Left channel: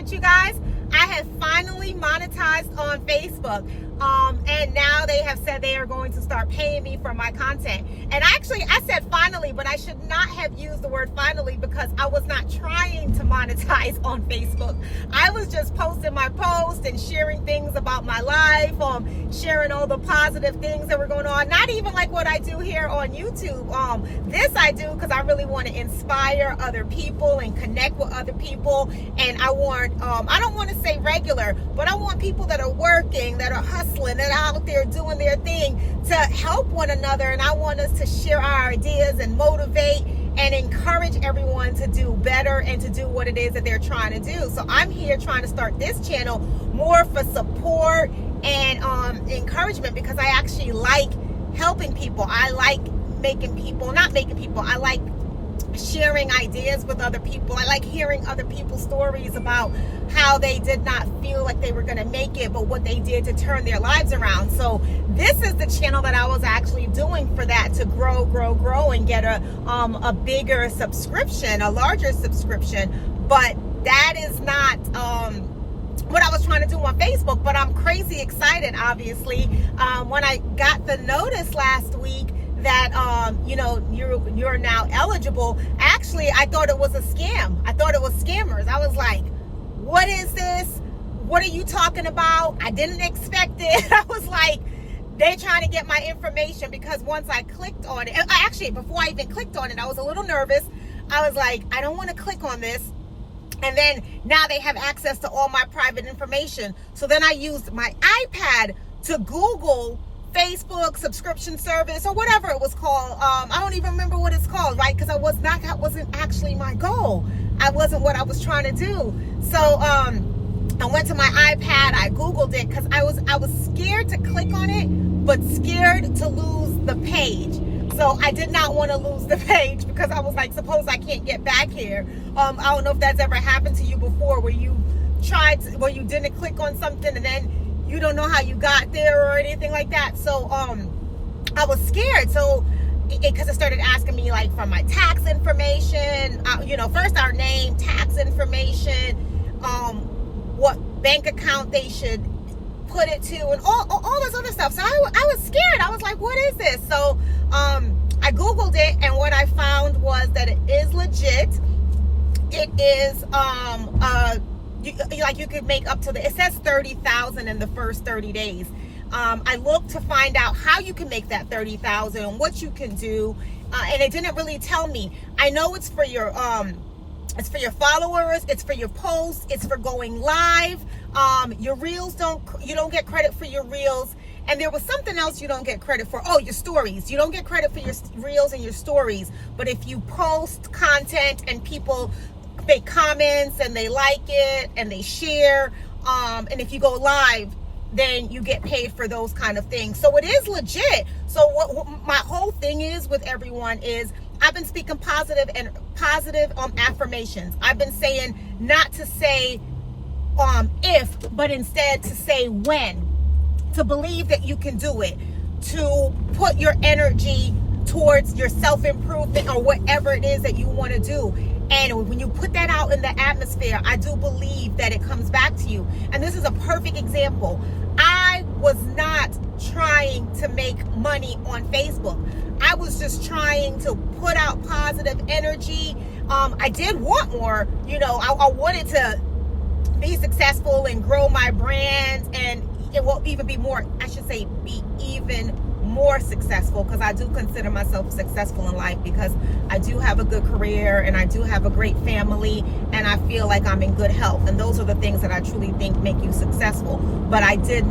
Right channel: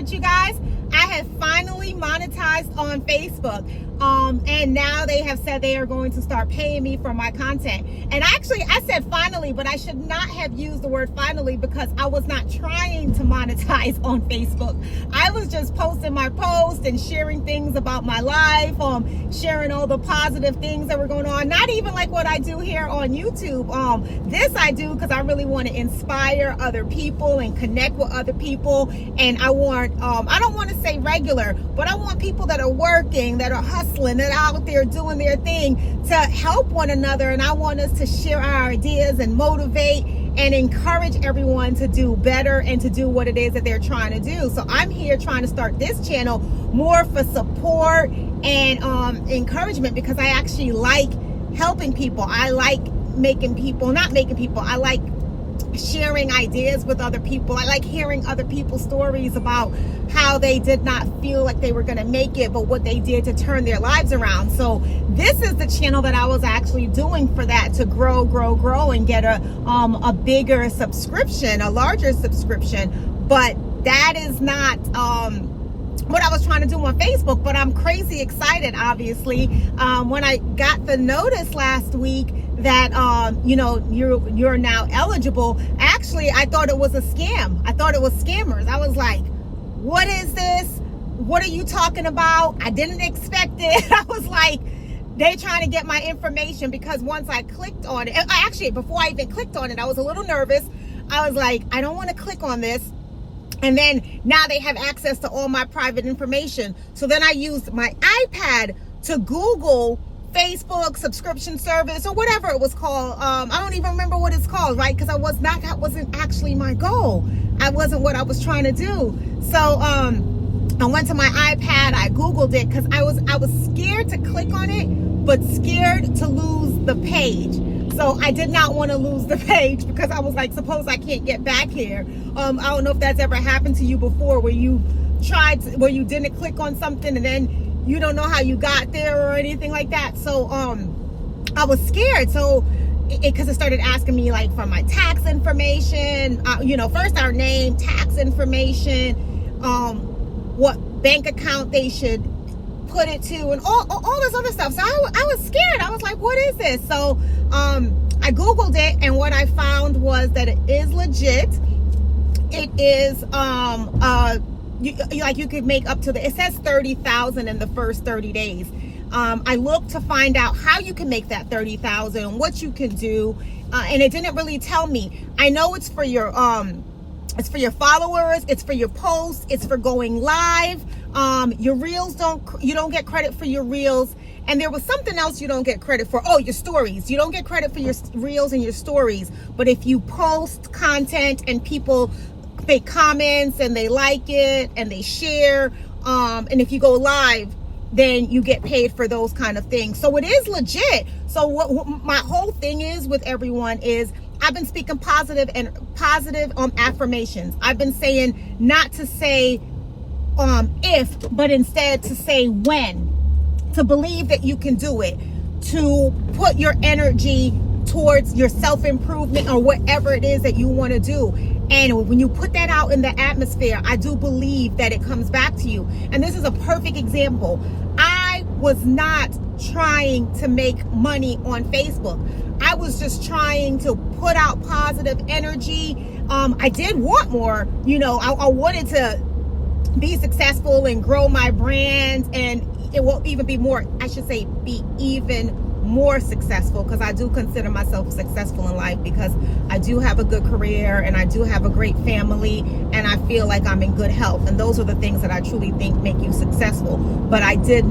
with you guys. I have finally monetized on Facebook. And now they have said they are going to start paying me for my content. And actually, I said finally, but I should not have used the word finally because I was not trying to monetize on Facebook. I was just posting my posts and sharing things about my life, sharing all the positive things that were going on. Not even like what I do here on YouTube. This I do because I really want to inspire other people and connect with other people. And I want, I don't want to say regular, but I want people that are working, that are hustling, that are out there doing their thing to help one another. And I want us to share our ideas and motivate and encourage everyone to do better and to do what it is that they're trying to do. So I'm here trying to start this channel more for support and encouragement, because I actually like helping people. I like I like sharing ideas with other people. I like hearing other people's stories about how they did not feel like they were going to make it, but what they did to turn their lives around. So this is the channel that I was actually doing for that, to grow and get a bigger subscription, a larger subscription. But that is not what I was trying to do on Facebook. But I'm crazy excited, obviously, when I got the notice last week that you're now eligible. Actually, I thought it was a scam. I thought it was scammers. I was like, what is this? What are you talking about? I didn't expect it. I was like, they're trying to get my information, because once I clicked on it, actually before I even clicked on it, I was a little nervous. I was like, I don't want to click on this. And then now they have access to all my private information. So then I used my iPad to Google Facebook subscription service or whatever it was called. I don't even remember what it's called, right? Because that wasn't actually my goal. I wasn't what I was trying to do. So I went to my iPad, I Googled it, because I was scared to click on it, but scared to lose the page. So I did not want to lose the page, because I was like, suppose I can't get back here. I don't know if that's ever happened to you before, where you didn't click on something and then you don't know how you got there or anything like that. So I was scared. So because it started asking me like for my tax information, first our name, tax information, what bank account they should put it to, and all this other stuff. So I was scared. I was like, what is this? So I Googled it, and what I found was that it is legit. It is you could make up to it says 30,000 in the first 30 days. I looked to find out how you can make that 30,000 and what you can do, and it didn't really tell me. I know it's for your followers, it's for your posts, it's for going live. Your reels you don't get credit for your reels, and there was something else you don't get credit for. Oh, your stories. You don't get credit for your reels and your stories, but if you post content and people make comments and they like it and they share, and if you go live, then you get paid for those kind of things. So it is legit. So what my whole thing is with everyone is, I've been speaking positive affirmations. I've been saying not to say if, but instead to say when, to believe that you can do it, to put your energy towards your self-improvement or whatever it is that you want to do. And when you put that out in the atmosphere, I do believe that it comes back to you. And this is a perfect example. I was not trying to make money on Facebook. I was just trying to put out positive energy. I did want more, I wanted to be successful and grow my brand, and it will even be more, I should say, be even more successful, because I do consider myself successful in life, because I do have a good career and I do have a great family, and I feel like I'm in good health, and those are the things that I truly think make you successful. But it did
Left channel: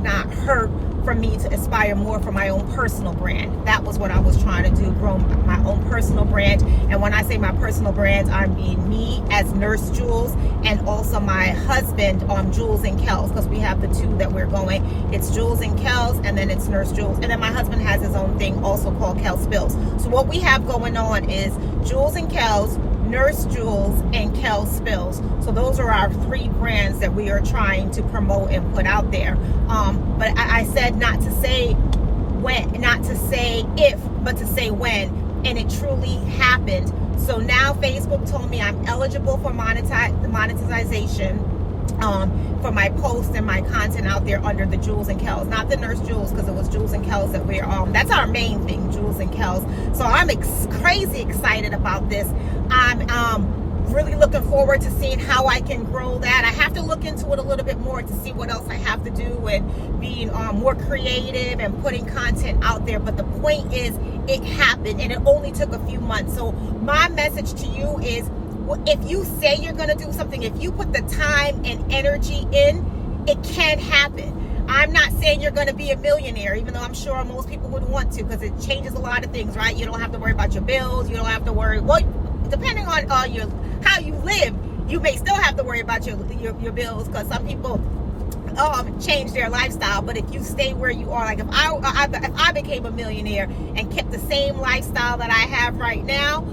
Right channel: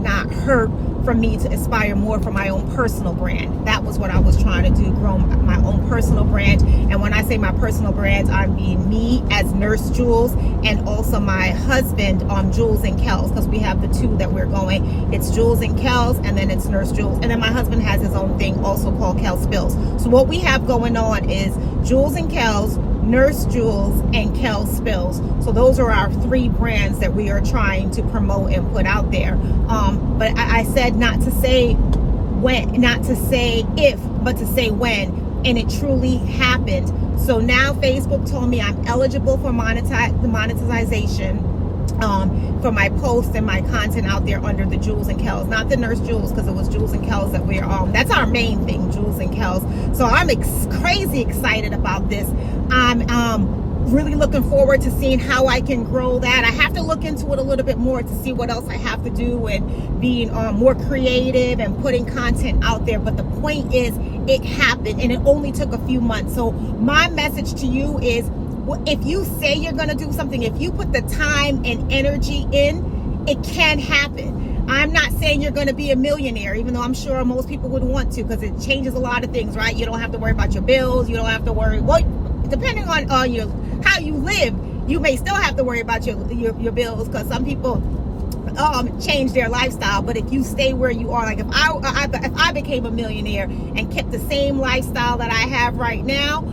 not hurt for me to aspire more for my own personal brand. That was what I was trying to do, grow my own personal brand. And when I say my personal brand, I mean me as Nurse Jules, and also my husband, Jules and Kels, because we have the two that we're going. It's Jules and Kels, and then it's Nurse Jules. And then my husband has his own thing also called Kels Spills. So what we have going on is Jules and Kels, Nurse Jules, and Kels Spills. So those are our three brands that we are trying to promote and put out there. But I said not to say when, not to say if, but to say when, and it truly happened. So now Facebook told me I'm eligible for monetization for my posts and my content out there under the Jules and Kels, not the Nurse Jules, because it was Jules and Kels that we're that's our main thing, Jules and Kels. So I'm crazy excited about this. I'm really looking forward to seeing how I can grow that. I have to look into it a little bit more to see what else I have to do and being more creative and putting content out there. But the point is, it happened and it only took a few months. So my message to you is, if you say you're going to do something, if you put the time and energy in, it can happen. I'm not saying you're going to be a millionaire, even though I'm sure most people would want to, because it changes a lot of things, right? You don't have to worry about your bills. You don't have to worry, well, depending on how you live, you may still have to worry about your bills, because some people change their lifestyle. But if you stay where you are, like if I became a millionaire and kept the same lifestyle that I have right now,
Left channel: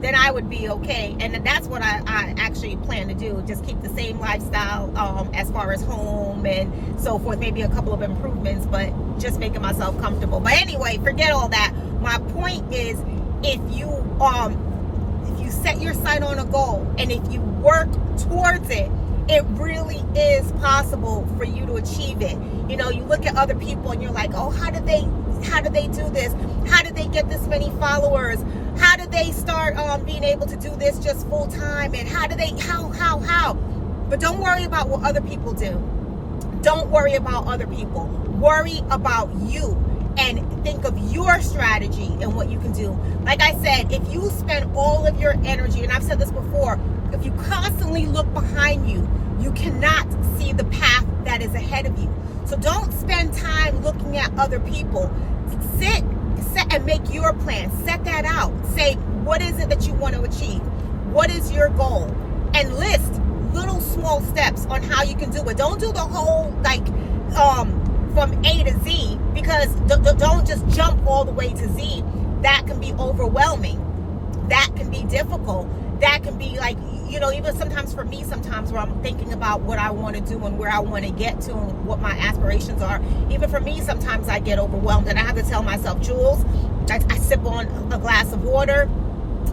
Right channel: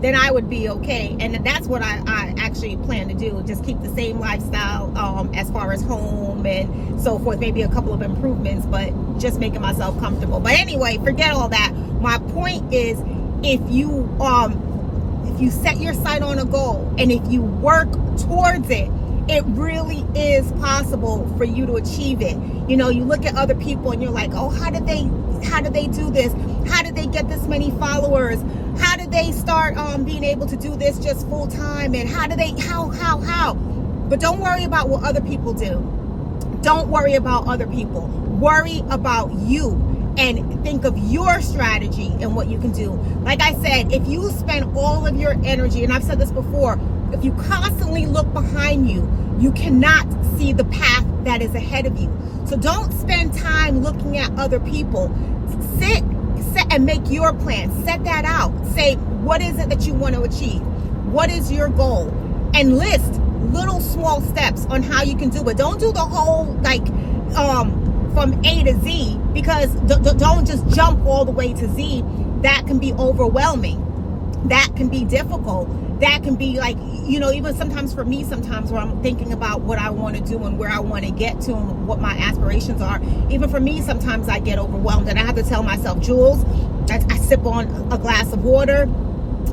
then I would be okay. And that's what I actually plan to do, just keep the same lifestyle as far as home and so forth, maybe a couple of improvements, but just making myself comfortable. But anyway, forget all that. My point is, if you set your sight on a goal and if you work towards it, it really is possible for you to achieve it. You know, you look at other people and you're like, oh, how did they do this? How did they get this many followers? How did they start being able to do this just full time? And how? But don't worry about what other people do. Don't worry about other people. Worry about you and think of your strategy and what you can do. Like I said, if you spend all of your energy, and I've said this before, if you constantly look behind you, you cannot see the path that is ahead of you. So don't spend time looking at other people. Sit and make your plan. Set that out. Say, what is it that you want to achieve? What is your goal? And list little small steps on how you can do it. Don't do the whole from A to Z, because don't just jump all the way to Z. That can be overwhelming. That can be difficult. That can be like, even sometimes for me, sometimes where I'm thinking about what I want to do and where I want to get to and what my aspirations are. Even for me, sometimes I get overwhelmed and I have to tell myself, Jules, I sip on a glass of water.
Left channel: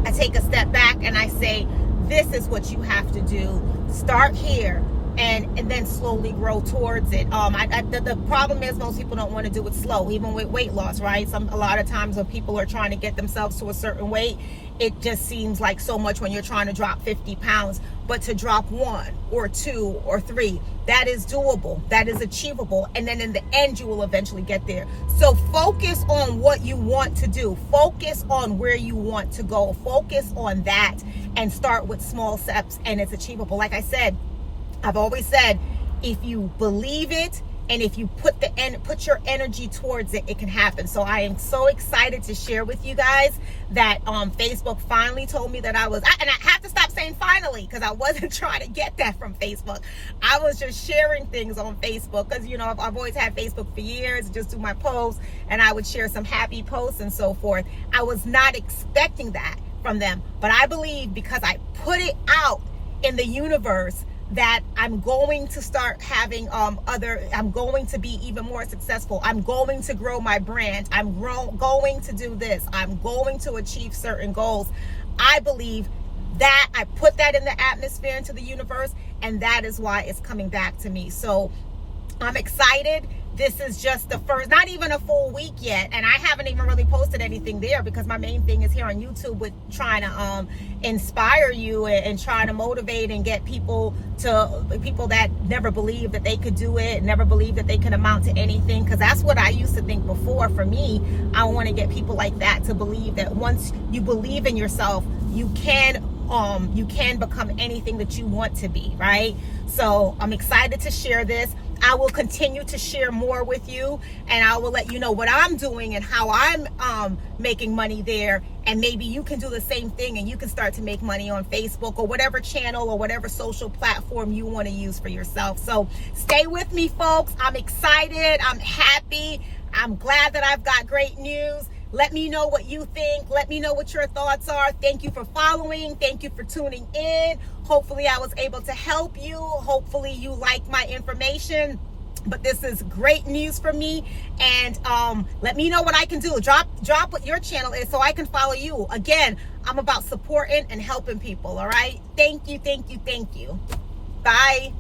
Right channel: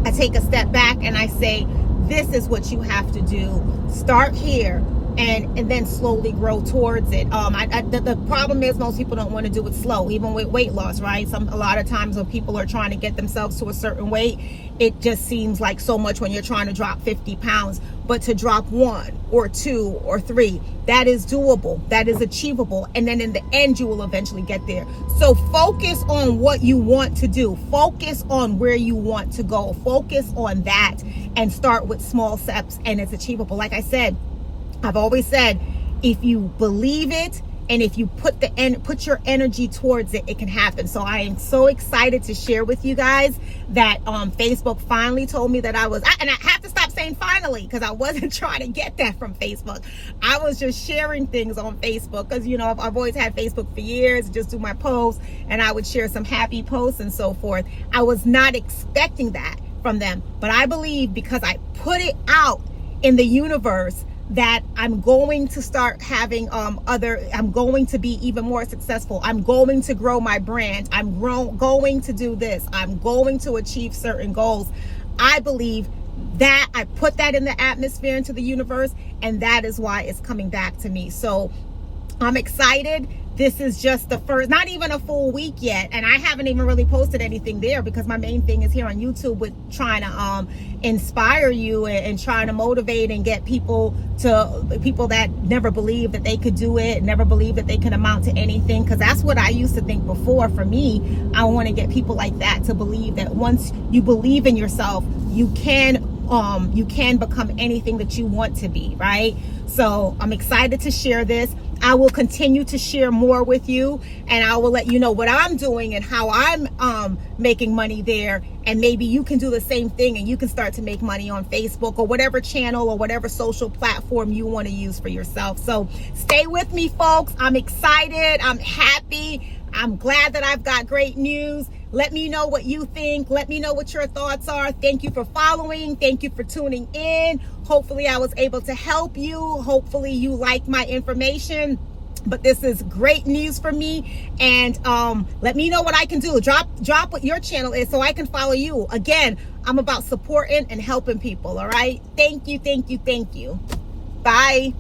I take a step back and I say, this is what you have to do. Start here and then slowly grow towards it. The problem is most people don't want to do it slow, even with weight loss, right? A lot of times when people are trying to get themselves to a certain weight, it just seems like so much when you're trying to drop 50 pounds. But to drop 1 or 2 or 3, that is doable. That is achievable. And then in the end, you will eventually get there. So focus on what you want to do. Focus on where you want to go. Focus on that and start with small steps, and it's achievable. Like I said, I've always said, if you believe it and if you put your energy towards it, it can happen. So I am so excited to share with you guys that Facebook finally told me that and I have to stop saying finally, because I wasn't trying to get that from Facebook. I was just sharing things on Facebook because, I've always had Facebook for years, just do my posts, and I would share some happy posts and so forth. I was not expecting that from them, but I believe because I put it out in the universe that I'm going to start having I'm going to be even more successful. I'm going to grow my brand. I'm going to do this. I'm going to achieve certain goals. I believe that I put that in the atmosphere, into the universe, and that is why it's coming back to me. So I'm excited. This is just the first, not even a full week yet, and I haven't even really posted anything there because my main thing is here on YouTube with trying to inspire you and trying to motivate and get people that never believed that they could do it, never believed that they could amount to anything, because that's what I used to think before. For me, I want to get people like that to believe that once you believe in yourself, you can become anything that you want to be, right? So I'm excited to share this. I will continue to share more with you, and I will let you know what I'm doing and how I'm making money there. And maybe you can do the same thing and you can start to make money on Facebook or whatever channel or whatever social platform you want to use for yourself. So stay with me, folks. I'm excited. I'm happy. I'm glad that I've got great news. Let me know what you think. Let me know what your thoughts are. Thank you for following. Thank you for tuning in. Hopefully I was able to help you. Hopefully you like my information. but this is great news for me. And let me know what I can do. Drop what your channel is so I can follow you. Again, I'm about supporting and helping people. All right. Thank you. Bye.